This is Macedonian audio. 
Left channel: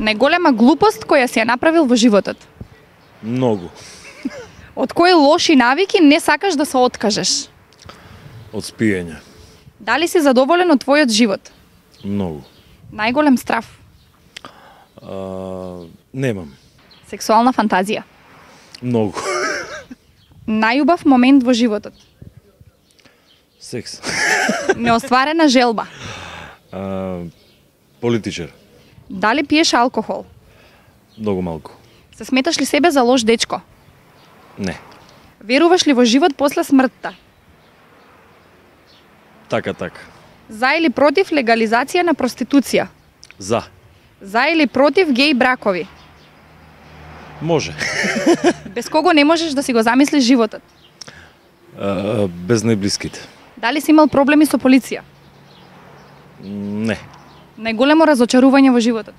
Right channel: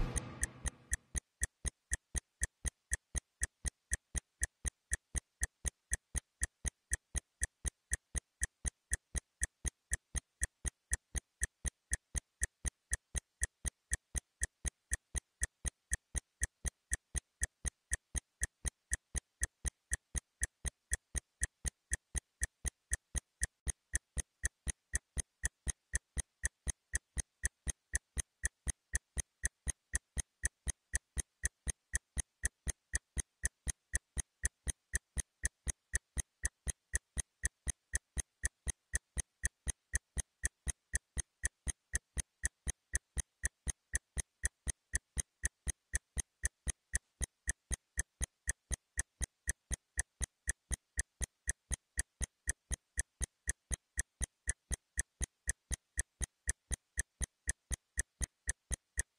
Најголема глупост која си ја направил во животот. Многу. Од кои лоши навики не сакаш да се откажеш? Од спиење. Дали си задоволен од твојот живот? Многу. Најголем страф? Немам. Сексуална фантазија? Многу. Најубав момент во животот? Секс. Неостварена желба? Политичар. Дали пиеш алкохол? Многу малку. Се сметаш ли себе за лош дечко? Не. Веруваш ли во живот после смртта? Така. За или против легализација на проституција? За. За или против геј бракови? Може. Без кого не можеш да си го замислиш животот? Без најблиските. Дали си имал проблеми со полиција? Не. Најголемо разочарување во животот?